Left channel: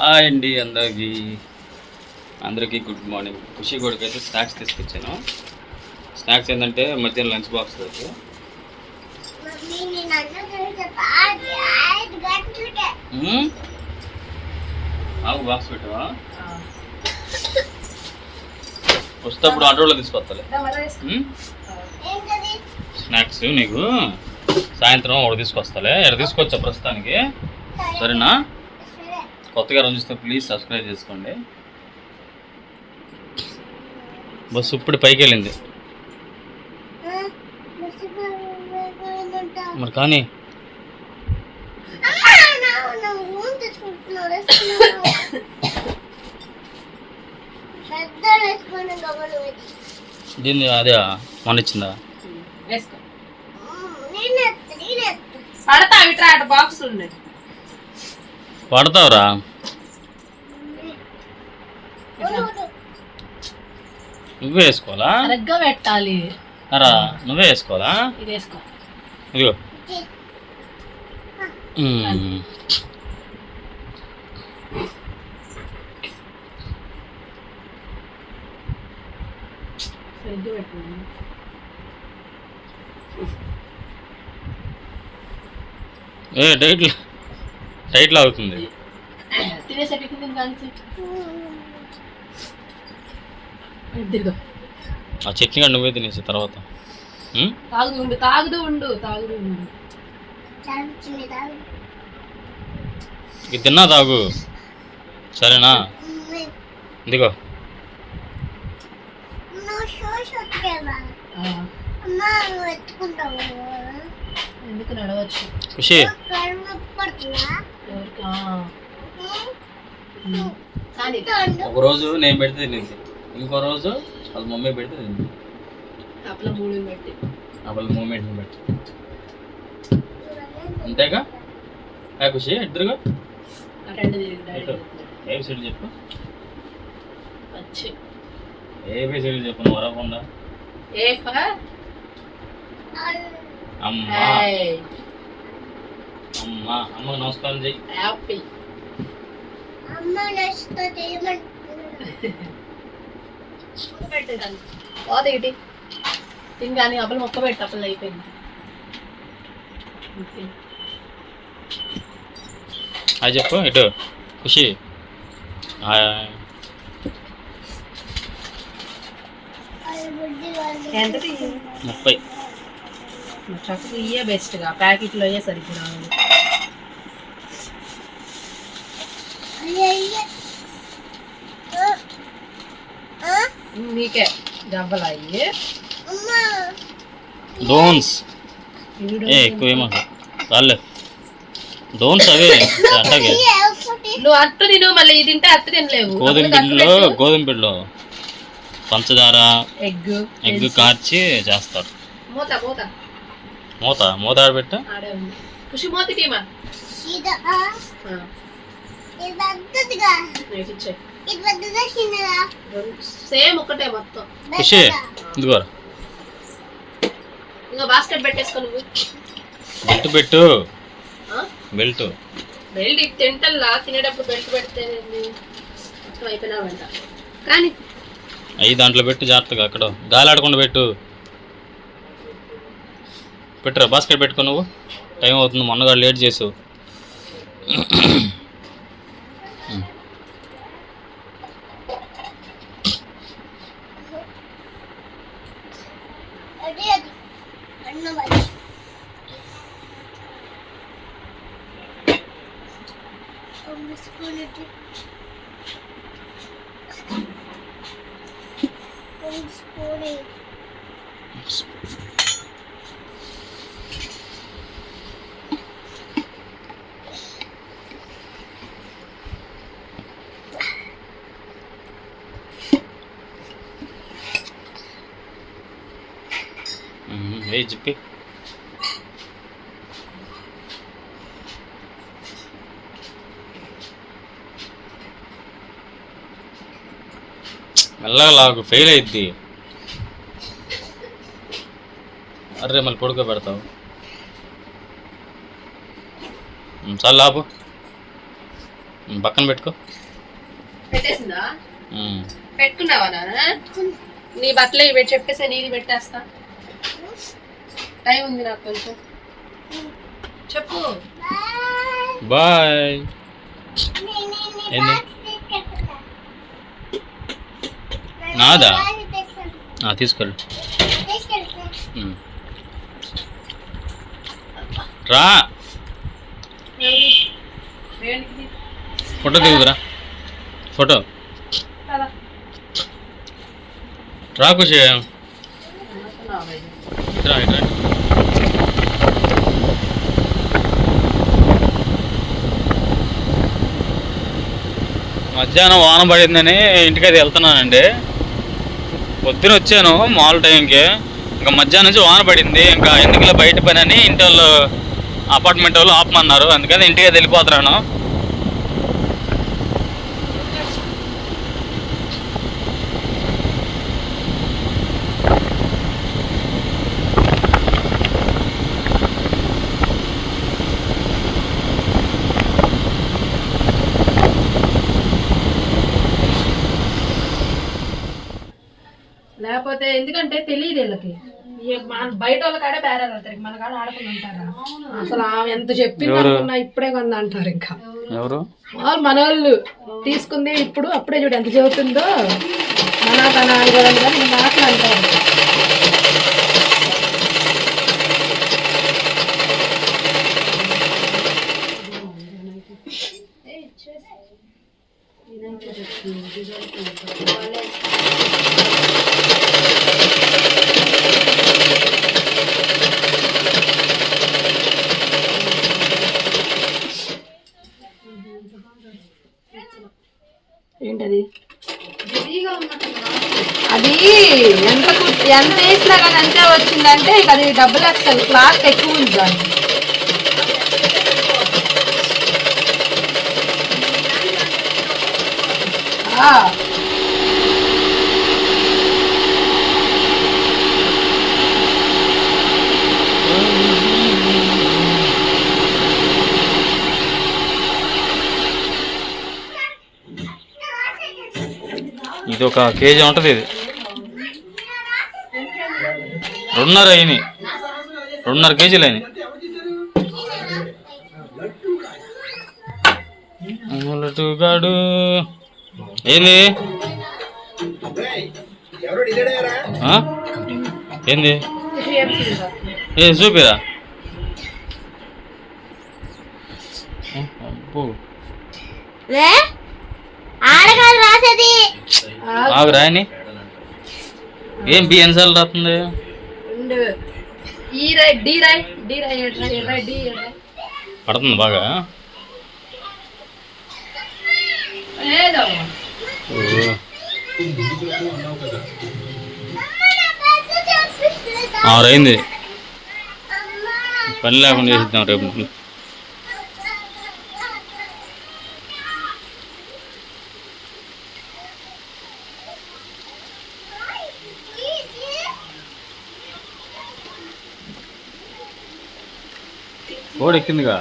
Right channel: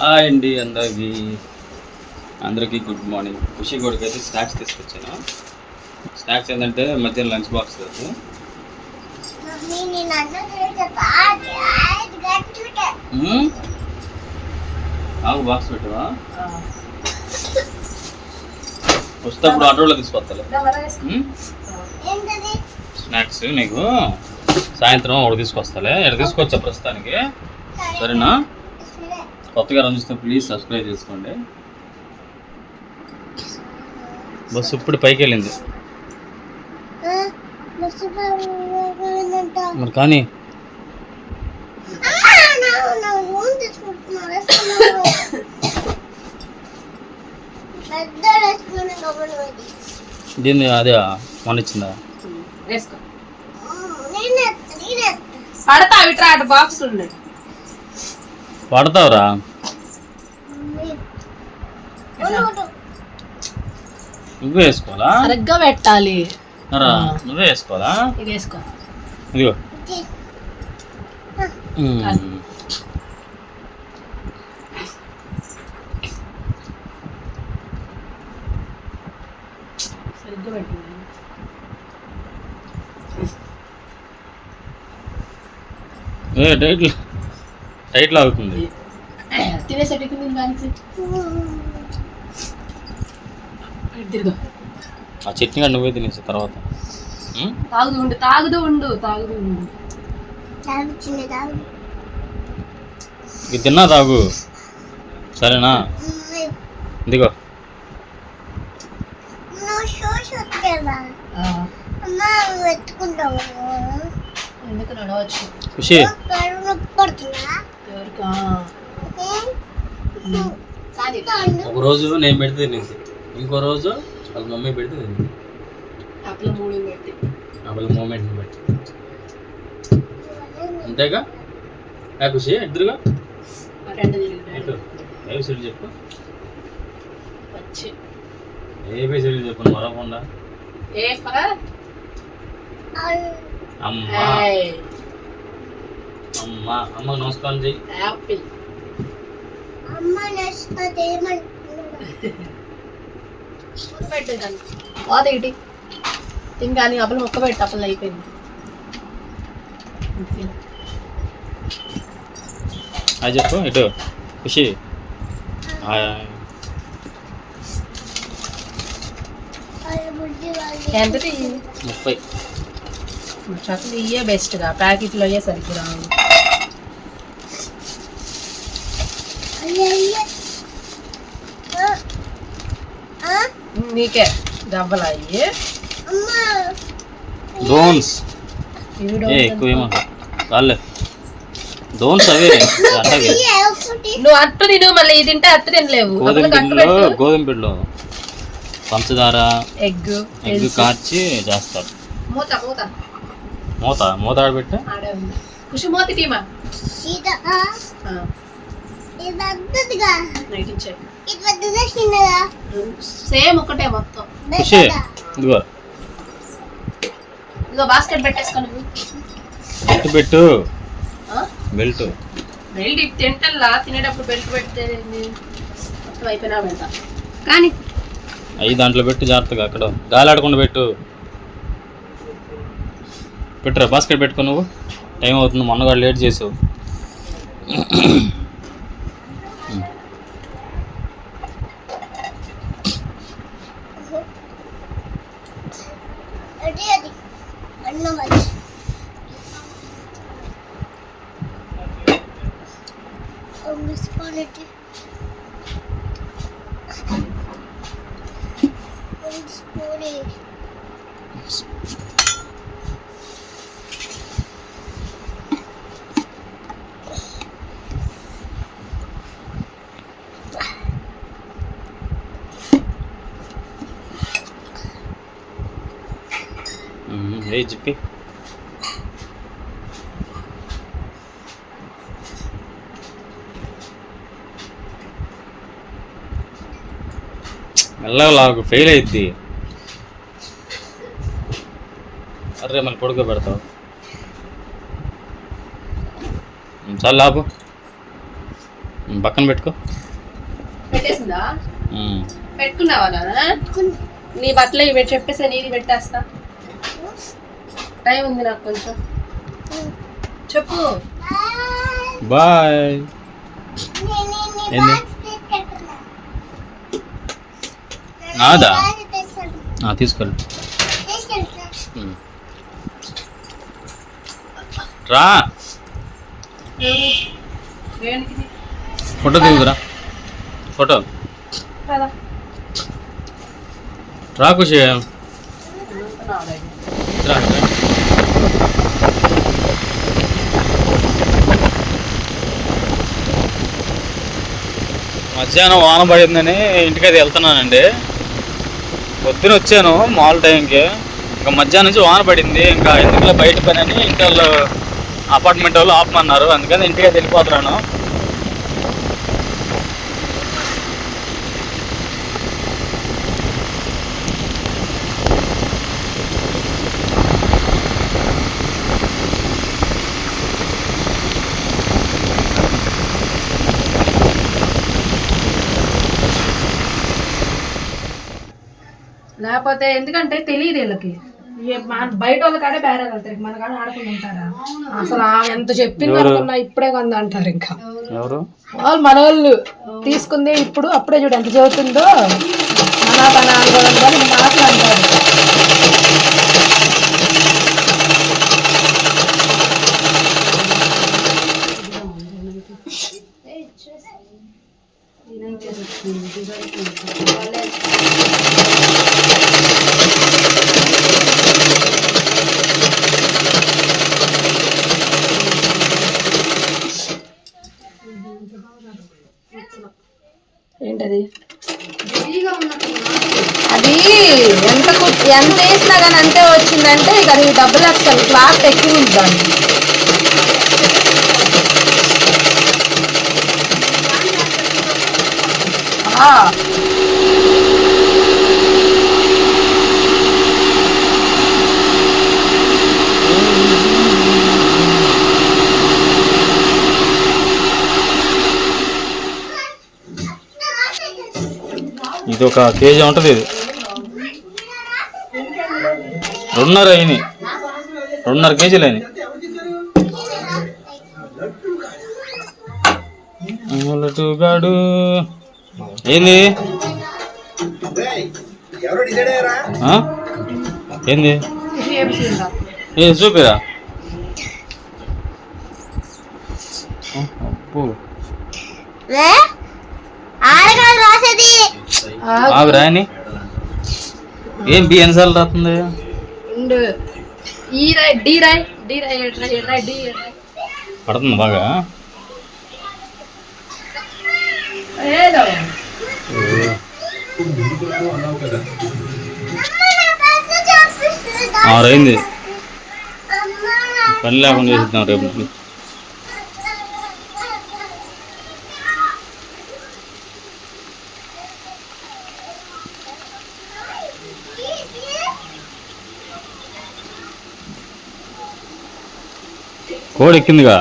Hi అండి అందరికి. అందరికీ గుడ్ మార్నింగ్ ఖుషి కొడుకు అయితే స్నాక్స్ తీసుకొచ్చాను. స్నాక్స్ ఏంటంటే మధ్యాహ్నం లంచ్ బాక్స్ అది? ఆగు బాక్స్ పెట్టవా? వస్తేప్పుడు ఆటోలో తీసుకొస్తాలే. స్నాక్స్ నీకు. సాయంత్రం ఒకటి తీసుకొస్తాలే. ఇక్కడ తీసుకొచ్చా ప్రస్తుతానికి? సరేనా? సరే కొత్తగా రంజిస్తే ప్లీజ్ సబ్స్క్రైబ్ చేసుకోండి. బస్సు ఇప్పుడు పైకి వెళ్ళింది మరి కానీ దీన్ని అదే మొన్న ఇచ్చిందా? పడతా అటు బాక్స్ ఉండే పడతావురా నువ్వే వేసుకోవాలా? సరిగ్గా పెట్టాలి. అరా నువ్వే వేసుకోవాలా? ఇది వేసుకో. ఇదిగో. సరిగ్గా ఏ టైట్ కానీ తిరుగు. ఆ చట్నీ కూడా నువ్వే తినేసి తర్వాత? తాగుతూ ఉండు తాగుతూ ఉండు తాగుతూ ఉండు. ఇది తిన్నా తాగు. సరేనా? ఇదిగో. ఎందుకు నడవచ్చు? ఖుషి. ఒక రోజు నేను పెడితే తినేది ఇంకో రోజు వాళ్ళ మమ్మీ పెడితే తింది అప్పుడు మూమెంట్ పెట్టి. అంతేగా? ఖుషి ఆ రెండు తిరిగి ఎటు ఏ సైడ్ చెప్పు. వచ్చి. ఏ సైడ్ చెప్పు నువ్వు వరకుండా అమ్మా. అమ్మా అమ్మకు నమస్కారం చెయ్యి యాపిల్ అమ్మ చేయమంటున్నాడు. పెట్టేదాన్ని పోత ఇటీ. తిని కానీ అప్పలు మొక్క పెట్టి అప్పలు అయిపోయింది. అది చెప్పు ఇటు. ఖుషి. ఎంత ముప్పై. చక్కగా ఇయ్యే బెస్ట్గా ప్యాకెట్లో అయ్యే రావు. ఆ, నీకే డబ్బలు అయ్యి. డోన్స్ ఇవి ఏ ఎక్కువ డోన్స్ అవే. అట్టగే. నువ్వు అట్టు తిను మళ్ళీ ఇది తింటే అట్టు తినలేవు. గోధుమ పిండిలో గోధుమ పిండిలో పంచదార ఎగ్ ఎగ్ కార్చి చేస్తారు మూత మూత. మూత మూత ఆడబెట్టు. ఖుషి మూత టీమా సేమ్ ఒకటే మొత్తం. ఖుషి ఇదిగో. ఇదిగో బాస్కెట్ పెట్టేసుకొని. బెల్ట్ పెట్టు. ఆ? బెల్ట్. బెల్ట్ ఇది తింటల్లా? తినేటప్పుడు బెల్ట్ పెడితే అయిపోయినా కానీ అవి దాంట్లో పెట్టు జాగ్రత్తగా అక్కడ. గాలి ఆడకుండా పెట్టు. పెట్టరా బాస్కెట్ పెట్టుకో నువ్వు టైం అవుతుంది మొన్నగా లేట్ చేసావు Thank you. ఏ చెప్పి మెల్లగా లాగు ఫెయిల్ అయిద్ది. అర్రే మళ్ళీ పొడుకో పెడతావు. ఉమ్, చాలు లాపు పక్కన పెట్టుకో. పెట్టేసిందా. పెట్టుకున్నావా నీ బట్టలు ఇవి చెప్పేసి నీది పెట్టేస్తా. టైం ఉంది నాకు కొంచెం. చెప్పు. బాయ్? నాదా? ఆ, తీసుకెళ్ళు. రా. ఫోటో దిగుదురా ఫోటో. రా ఖుషి రా. మధ్యాహ్నం వాన పడిందని ఇంటికైతే వెళ్తున్నానండి. పొద్దున వచ్చాను మామూలు టైంకి. ఇంకా మధ్యాహ్నం నుంచి వాన పడింది. ఇంకా ఎందుకులో బయట పని అని ఇంటి వాళ్ళు అపార్ట్మెంట్ వాళ్ళు ఆపమన్నారు. అందుకని ఇంటికి వెళ్ళిపోతున్నాను. లేకపోతే ఎందుకంటే తెలియదు వీళ్ళకి. బయట వాళ్ళ కాడే బేరాలు వెళ్తారు మన కాడ ఆడుకుని ఉంటారా అసలు ఎంత చెప్పింది? అనుకున్నా ఇప్పుడే కొంద అంటారు ఇంకా. ఎవరు? వాళ్ళు మన వాళ్ళు తీసుకుందే ఇప్పుడు అప్పుడే చూడు ఎంత చదువుతుందో. మన పని కానీ మాటలు అంటారు ఏంటది అది ఎంత కు- ఎంత కానీ అంతే వచ్చిందంటే ఇక అది డబ్బులు లక్షలు క్లాత్ ఎక్కువ ఉంది దాన్ని ఆ. ఇది ఒక కేజీ ఉంటుంది ఇది రెండున్నర అయినాయి. రెండున్నర కేజీలు అయినాయి. ఏంది? ఏంది? ఏ చూపిరా? అబ్బో. ఆగు ఏం బి ఎన్నిసార్లు రాస్తుంది రెండు. ఈ రాయ్ డి రాయ్ డి రాయ్ రాయ్ డి రాయ్ పడుతుంది బాగా. ఏదో ఆరైంది. పని లేకుండా చేసిద్దాం రేపు కోడి ఎక్కిందిగా